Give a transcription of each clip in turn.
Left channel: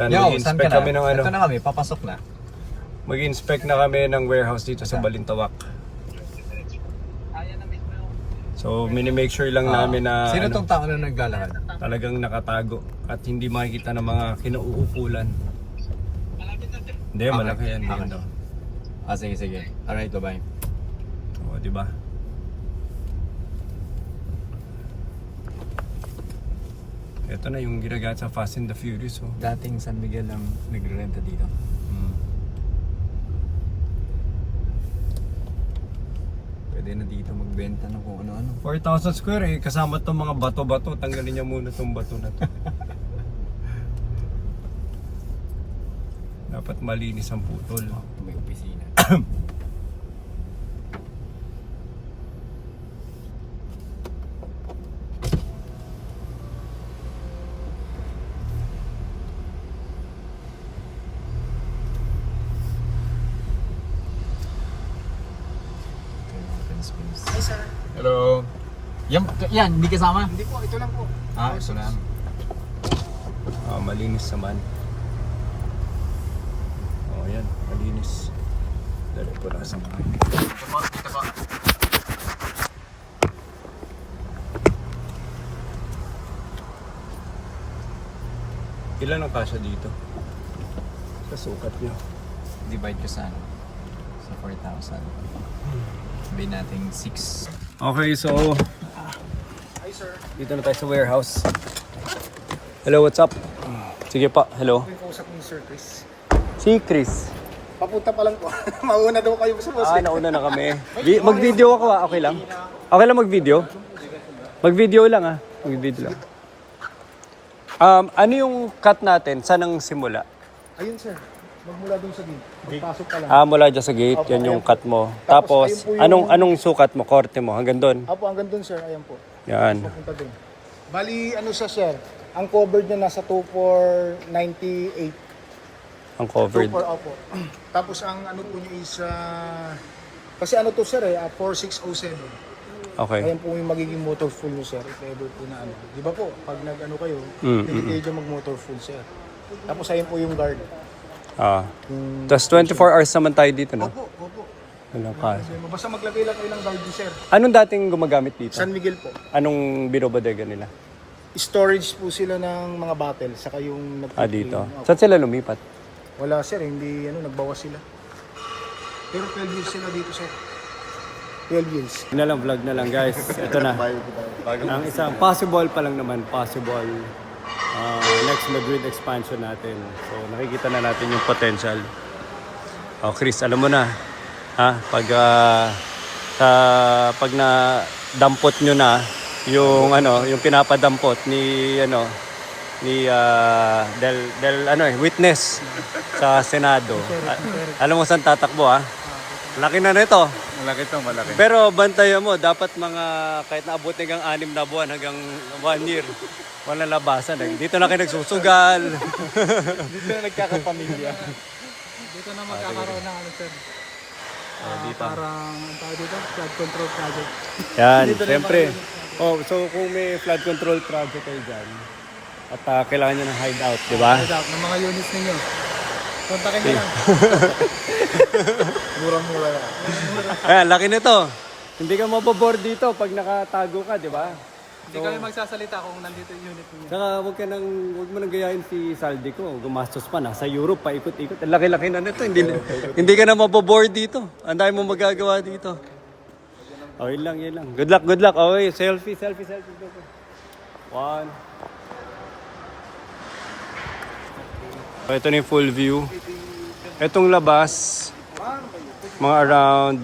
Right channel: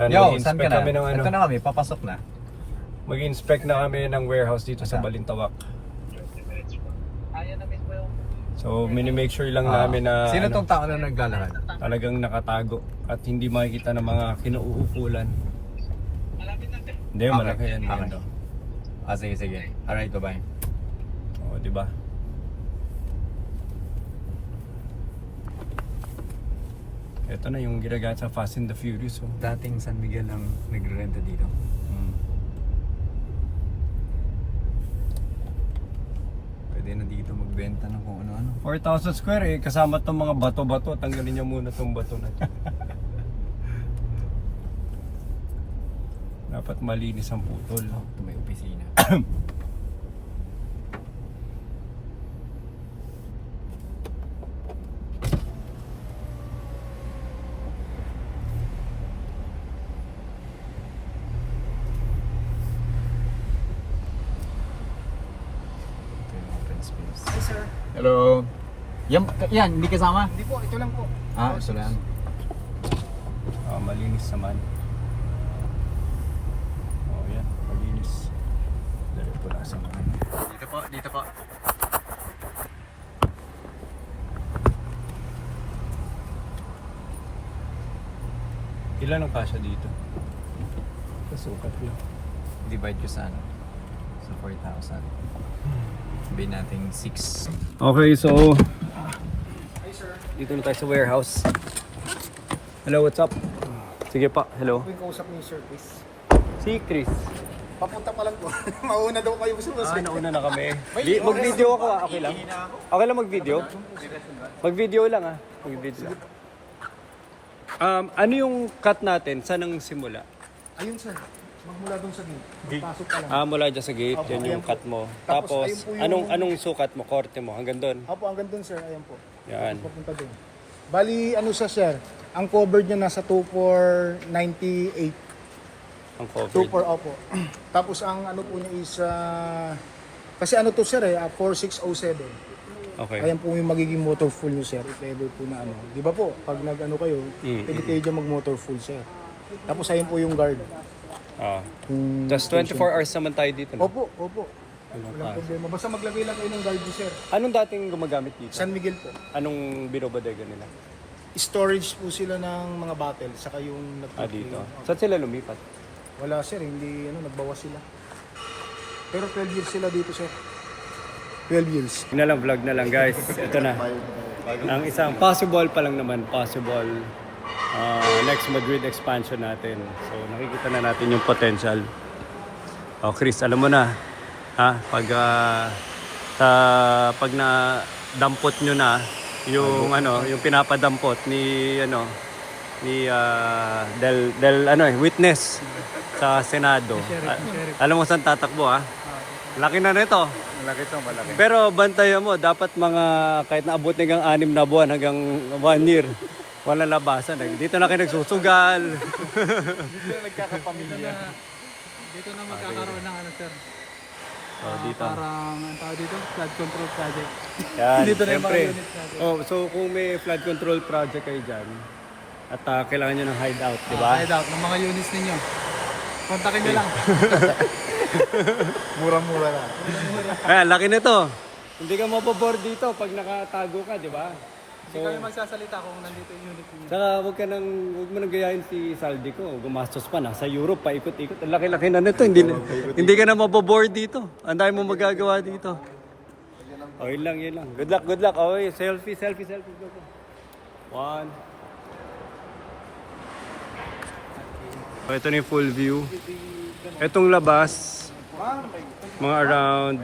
Yan, mag-inspect kami ng ano. Ito na kami, papasok na. Mag-inspect na kami ng warehouse dito sa Balintawak. So, mini-make sure lang namin na Sino tong tao na naglalakad? talagang nakatago at hindi makikita ng mga kinauukulan. Hindi, malaki yan. Maganda. Sige, sige. Alright, bye-bye. O, di ba? Ito na yung ginagamit sa Fast and the Furious. Oh. Dating San Miguel ang nagre-renta dito. Pwede na dito magbenta ng kung ano-ano. 4,000 square eh, kasama tong mga bato-bato. Tanggalin niya muna tong bato na to. Dapat malinis ang putol. Ito may opisina. Hi sir. Hello. Yan, hindi kasama? Hindi po, ito lang po. Ah, ito lang. Malinis naman. Oh, yan. Malinis. Dali po nasa. Dito po, dito po. Ilan ang kasya dito? Sa sukat nyo. Divide ko sa ano? Sa 4,000. Sabihin natin 6. Okay, so dito na tayo sa warehouse. Hello, what's up? Sige pa, hello. Ako yung kausap ni Sir Chris. Si Chris. Papunta pa lang po. Mauna daw kayo sa musik. Nauna na kami. Mag-video ako, okay lang? Okay lang mag-video? Mag-video lang Mag-video lang. Ano yung cut natin? Saan ang simula? Ayun sir, magmula doon sa gate. Pagpasok pa lang. Mula dyan sa gate, yan yung cut mo. Tapos, ayun po yung- anong sukat mo, korte mo? Hanggang doon? Apo, hanggang doon sir, ayun po. Yan. Papunta doon. Bali, ano siya sir? Ang covered niya nasa 2498. Ang covered. 24, opo. Tapos ang ano po niya is, kasi ano to sir 4607. Okay. Ayan po yung magiging motor full niyo sir. If ever po na ano. Di ba po, pag nag-ano kayo, pwede kayo dyan mag-motor full sir. Tapos ayun po yung guard. Tapos 24 hours naman tayo dito, no? Opo, opo. Wala Walang pa. problema. Basta maglagay lang kayo ng guard niyo sir. Anong dating gumagamit dito? San Miguel po. Anong binobodega nila? Storage po sila ng mga bottle, saka yung Dito. Saan sila lumipat? Wala sir, hindi nagbawas sila. Pero 12 years sila dito sir. 12 years. Vlog na lang guys. Ito na. Ang isang possible pa lang naman, possible next Madrid expansion natin. So nakikita na natin yung potential. Chris, alam mo na. Pag na dampot nyo na yung yung pinapadampot ni witness sa Senado. Alam mo saan tatakbo Laki na nito. Malaki to, malaki. Pero bantayan mo, dapat mga kahit naabot hanggang 6 na buwan hanggang 1 year. Walang labasan. Dito na kayo nagsusugal. Dito na nagkakapamilya. Dito na magkakaroon ng ano sir. Dito. Parang ang tawag dito, flood control project. Yan, Dito na siyempre. yung So kung may flood control project kayo dyan, at kailangan nyo ng hideout, di ba? Head out ng mga units ninyo. Kontakin nyo lang. Mura-mura. Laki nito. Hindi ka mabobore dito pag nakatago ka, di ba? Hindi kami magsasalita kung nandito yung unit ninyo. Saka huwag mo nang gayahin si Saldi ko. Gumastos pa, nasa Europe, paikot-ikot. Ang laki-laki na nito. Hindi ka na mabobore dito. Ang dami mo magagawa dito. Yun lang. Good luck. Okay, selfie. One. Ito na yung full view. Itong labas, mga around,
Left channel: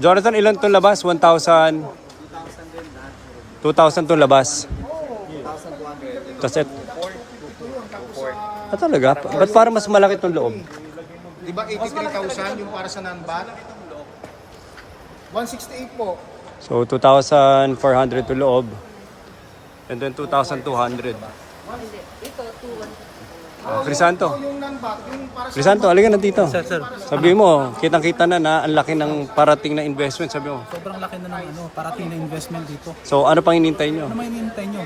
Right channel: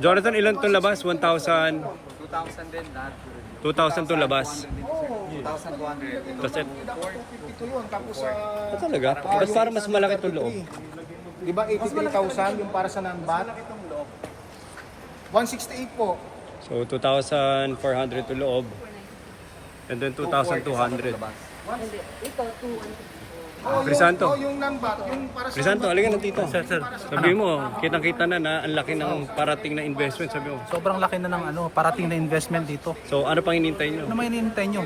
Jonathan, ilan itong labas? 1,000? 2,000 din na. 2,000 itong labas. 2,200. Tapos talaga? Ba't para mas malaki itong loob? Di ba 83,000 yung para sa non-back? 168 po. So 2,400 to loob. And then 2,200. Crisanto. Yung non-bat, yung para sa Crisanto, halika na dito. Sabi mo, kitang-kita na ang laki ng parating na investment. Sabi mo. Sobrang laki na ng parating na investment dito. So, ano pang hinintay nyo? Ano may hinihintay nyo?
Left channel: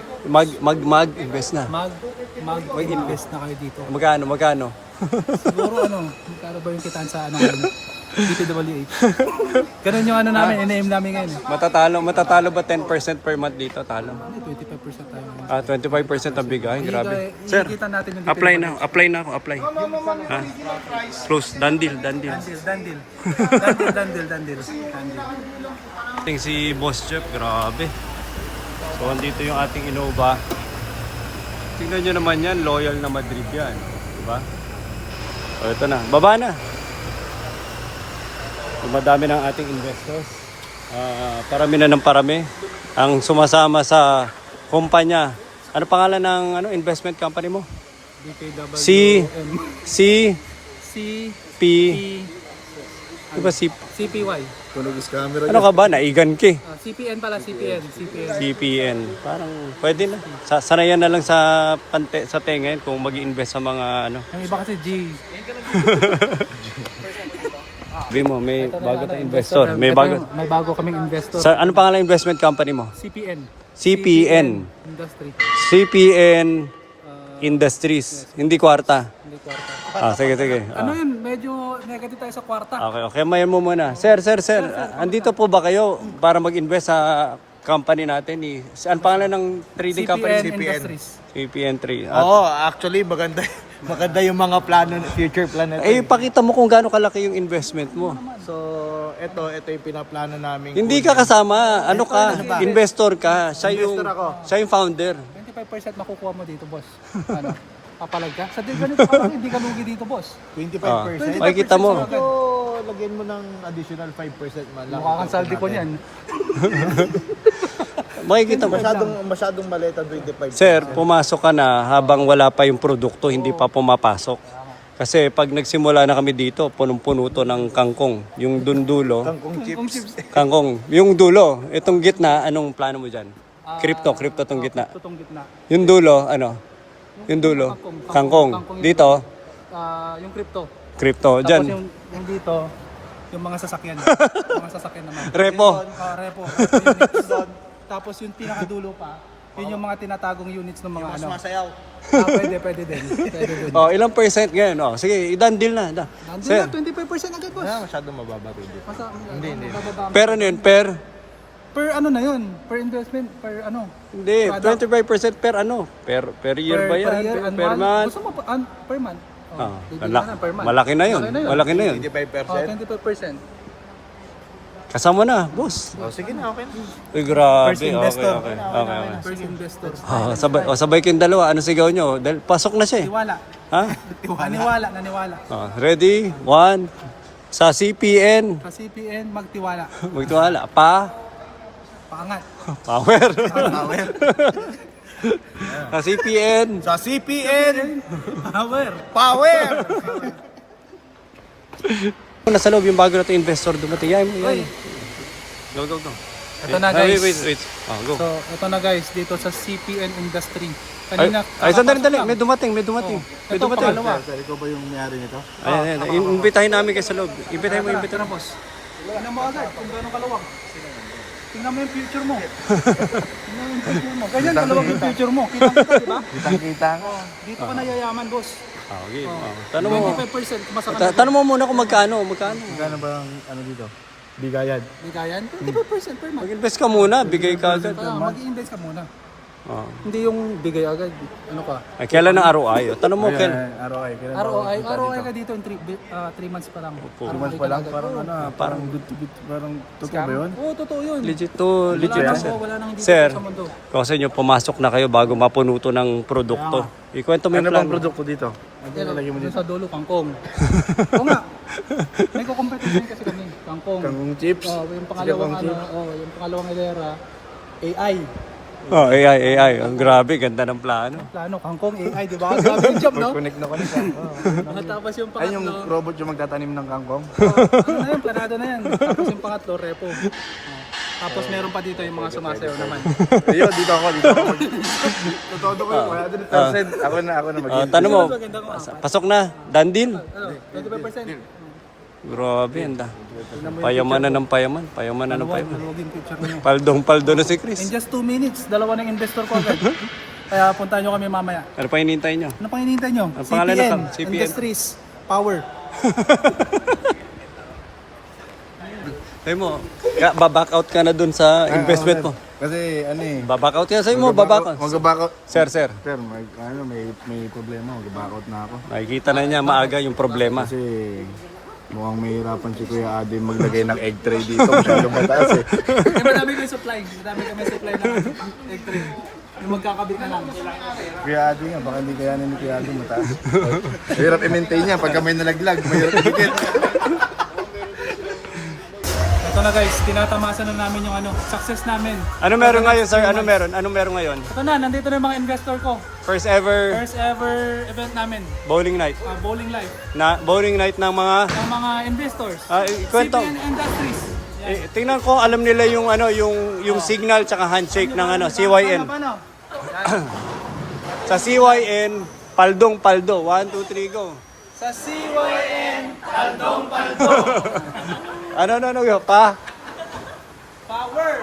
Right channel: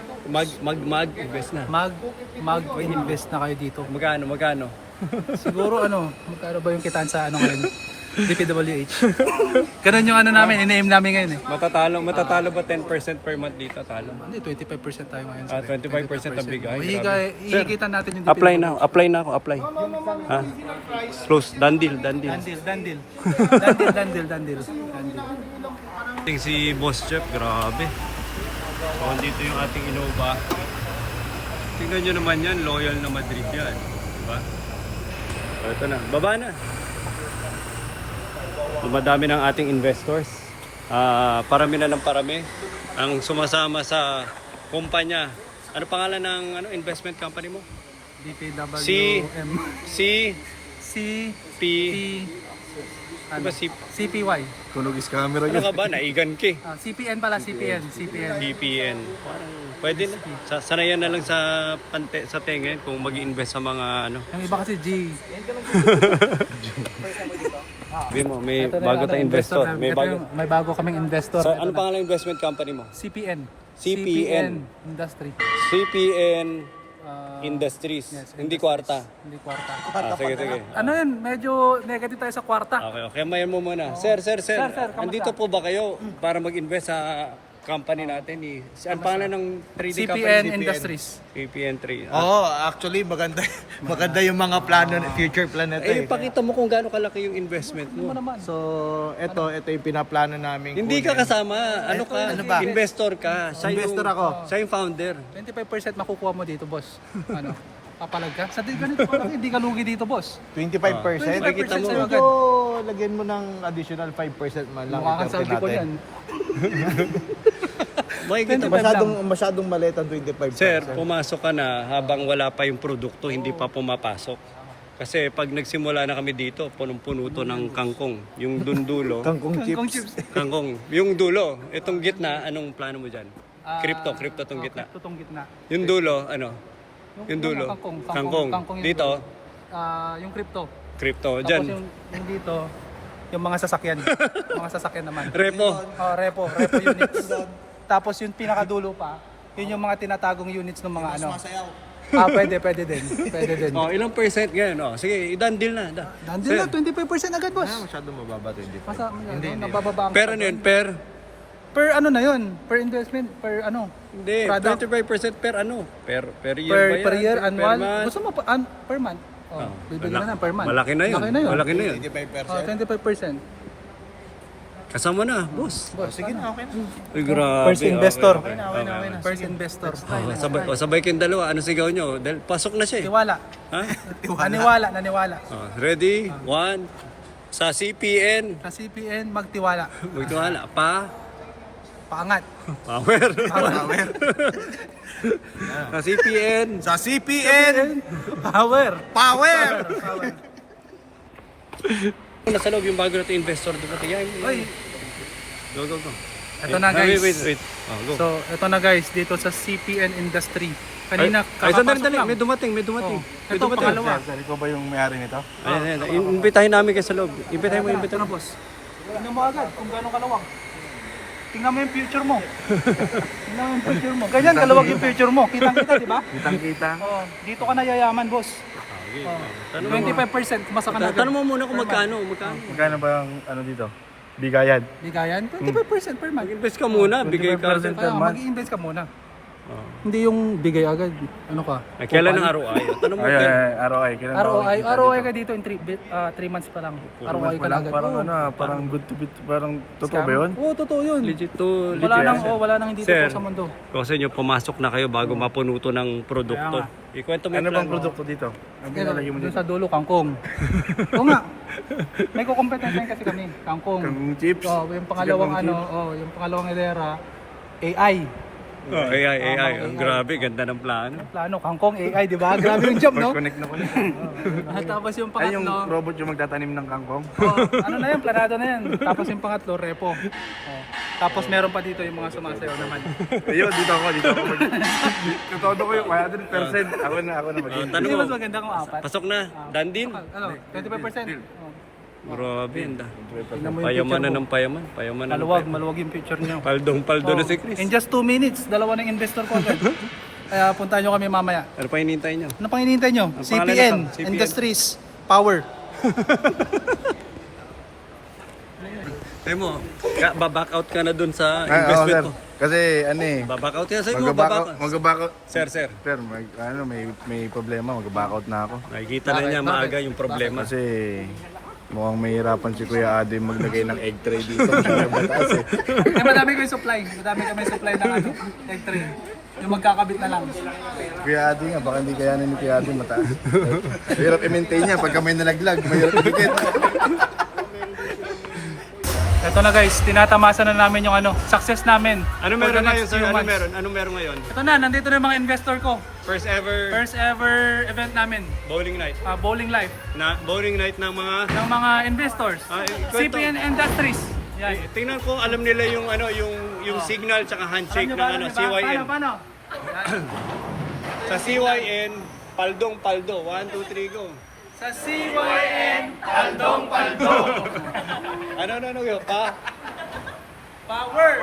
Mag-invest na. Mag-invest na kayo dito. Magkano? Siguro magkano ba yung kitaan sa ngayon? DPWH. Ganun yung namin, ina-aim namin ngayon eh. Matatalo ba 10% per month dito? Talo. Hindi, 25% tayo ngayon. 25% ang bigay. Grabe. Sir, Sir, ikita natin yung apply na ako. Ha? Close. Done deal. Dandil. Ating si Boss Jeff, grabe. So, dito yung ating Innova. Tingnan nyo naman yan, loyal na Madrid yan. Diba? O, ito na. Baba na. Dumadami ng ating investors. Parami na ng parami. Ang sumasama sa kumpanya. Ano pangalan ng investment company mo? DPWM. CP. Diba CPY. Tulogis camera. Ano ka ba? Naigan ki. CPN pala, CPN. CPN. Parang pwede na. Sanayan na lang sa tenga yun kung mag-invest sa mga Yung iba kasi G. Sabi mo, may bago tayong investor. May bago kaming investor. Ano pangalan ng investment company mo? CPN. CPN. Industry. CPN Industries. Hindi kwarta. Hindi kwarta. Sige. Medyo negative tayo sa kwarta. Okay. Mayan mo muna. Sir. Andito po ba kayo para mag-invest sa company natin? Ano pangalan ng trading company? CPN Industries. CPN 3. Actually maganda yung mga plano, future plan natin. Pakita mo kung gaano kalaki yung investment mo. So, ito yung pinaplano namin. Hindi ka kasama. Ano ka? Investor ka. Siya yung founder. 25% makukuha mo dito, boss. Papalag ka? Sa ganito ka lang, hindi ka lugi dito, boss. 25%. Ay, kita mo. sa'yo agad. Lagyan mo ng additional 5% man lang. Mukha kang saldi ko niyan. Makikita mo. Masyadong maliit ang 25%. Sir, pumasok ka na habang wala pa yung produkto, hindi pa pumapasok. Kasi pag nagsimula na kami dito, punong-puno to ng kangkong. Yung dundulo. Kangkong chips. Kangkong. Yung dulo. Itong gitna, anong plano mo dyan? Crypto tong gitna. Crypto tong gitna. Yung dulo, ano? Yung dulo. Kangkong. yung Dito, yung crypto. crypto. Tapos Dyan, yung dito, yung mga sasakyan. Mga sasakyan naman. repo. Repo units. Tapos yung pinakadulo pa, yun yung mga tinatagong units ng mga pwede din. Ilang percent ngayon? Sige, i-done deal na. Sir, 25% agad, boss. Masyadong mababa 25%. Hindi. Mabababa. pero ano yun? Per na yun? Per investment? Per Hindi, product? 25% per ano? Per year ba yan? Per year, Per annual? month? Gusto mo per month? Per month. Malaki na yun. Malaki na yun. 25%. 25%. Kasama na, boss. Sige na, okay. Uy, grabe. First investor. Okay. First investor. Sabay kayong dalawa. Ano sigaw nyo? Dahil pasok na siya eh. Naniwala. Ha? Naniwala. Ready? 1. Sa CPN. Sa CPN, magtiwala. Magtiwala. Paangat. Power. Sa CPN. Sa CPN, Power. Nasa loob yung bago natin investor dumating. Yan. Oy. Go. Ito na, guys. Wait. Go. So, ito na guys, dito sa CPN Industry. Kanina, sandali. kakapasok lang. May dumating. May Ito, dumating. pangalawa. ikaw ba yung may-ari nito? Ayan. Imbitahin namin kayo sa loob. Imbitahin mo. Tara, boss. Tingnan mo agad kung gano'ng kalawang. Tingnan mo yung future mo. Ganyan, kalawang yung future mo. Kita, di ba? Kitang-kita. Dito ka na yayaman, boss. Okay. Tanong mo. 25% masama na. Tanong mo muna kung magkano. Magkano ba ang dito? Bigayan. Bigayan? 25% per month. Mag-invest ka muna. Bigay ka. Mag-i-invest ka muna. Hindi yung bigay agad. Ano ka? Ay, kailan ang ROI? Tanong mo, Ken. ROI. Kailan ba ROI ka dito in 3 months pa lang. ROI ka lang. Parang good to good, parang totoo ba yun? Oo, totoo yun. Legit to. Wala nang hindi Sir, sa mundo. kung sa inyo, pumasok na kayo bago mapuno to ng produkto. Ikwento mo yung plan. produkto dito? Doon sa dulo, kangkong. Oo nga. May kukompetensya kasi kami. Kangkong. Kangkong chips? Yung pangalawang hilera, AI. Oh, AI. Ang grabe, ganda ng plano. Plano, kangkong AI, di ba? Grabe yung job, no? Connect na connect. Tapos yung Ay, yung pangatlo, robot yung magtatanim ng kangkong. ano na yan, planado na yan. Tapos yung pangatlo, repo. Oh. Tapos meron pa dito yung mga sumasayaw naman. Ayun, dito ako. Katodo ko yung kaya doon percent. Ako na mag-i- Tanong mo, Mas maganda kung apat. pasok na, dandin. Ano, 25%. Grabe, anda. Payamanan ng payaman. Maluwag yung picture niyo. Paldo na si Chris. In just 2 minutes, dalawa ng investor ko agad. Kaya puntahan nyo kami mamaya. Ano pa hinihintay nyo? Ano pang hinihintay nyo? Ang pangalan CPN, ng CPN. Industries, Power. Sabi mo, baback out ka na dun sa investment mo. Kasi ano eh. Baback out ka sa'yo mo, baback out. Mag-back out. Sir. Sir, may problema. Mag-back out na ako. Nakikita na niya maaga yung problema. Kasi mukhang mahirapan si Kuya Ade maglagay ng egg tray dito. Mataas eh. Madami kami supply. Madami kami supply ng egg tray. Yung magkakabit na lang. Kuya Ade nga, baka hindi kayanin ni Kuya Ade mataas. Mahirap i-maintain niya. Pagka may nalaglag, mahirap i-dikit. Ito na guys, tinatamasa na namin yung success namin. Ano meron ngayon, sir? Ano meron ngayon? Ito na, nandito na yung mga investor ko. First ever First ever event namin, bowling night. Bowling Life. Bowling night ng mga... Ng mga investors. Kwento. CPN Industries. Yan. Tingnan ko, alam nila yung yung signal tsaka handshake ng CYN. Paano? Sa CYN, paldo. 1, 2, 3, go. Sa CYN, Paldo. Ano, yun, pa? Power!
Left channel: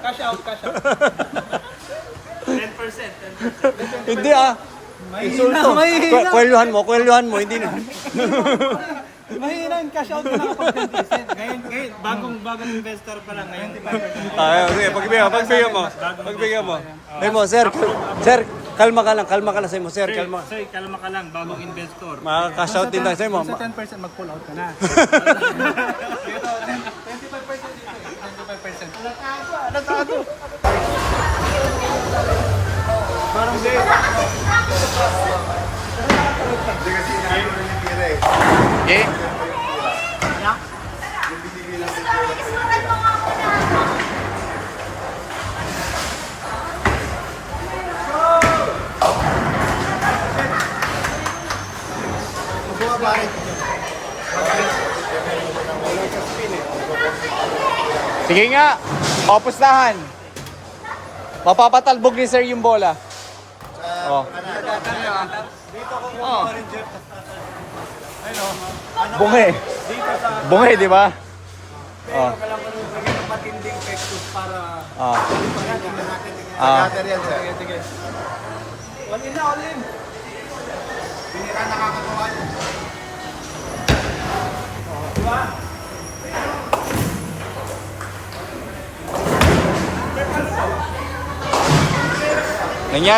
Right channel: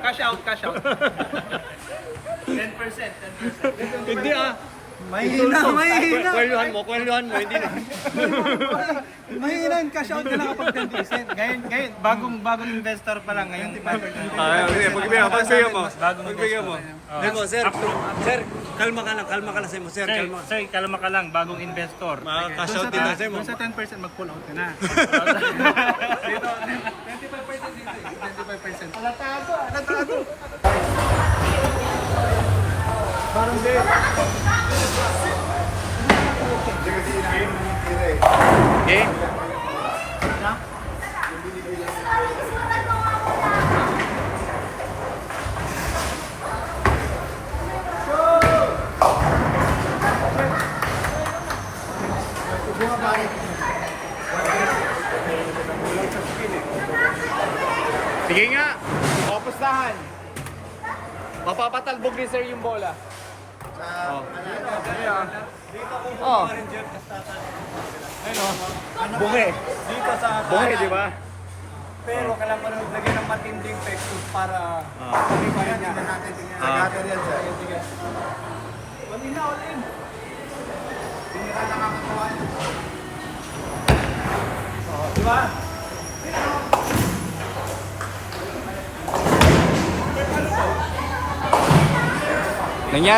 Cash out. 10%. Hindi ah. Mahina. Kwelyuhan mo, hindi na. Mahina yung cash out na lang kapag 10%. Ngayon, bagong investor pa lang. Ngayong Sige, pagbigyan mo. Sabi mo, sir, kalma ka lang sabi mo, sir, kalma. Sir, kalma ka lang, bagong investor. Makaka-cash out din tayo sabi mo. Sa 10% mag-pull out ka na. 25% dito. 25%. Alatago. Parang gate. Game. Sige nga, papustahan. Mapapatalbog ni sir yung bola. Oh. Oh. Ayun oh. Bungi, di ba? Pero kailangan ko lagyan ng matinding pektos para hindi pa rin naman natin. Sige. All in. Pinira nakakatawa niya.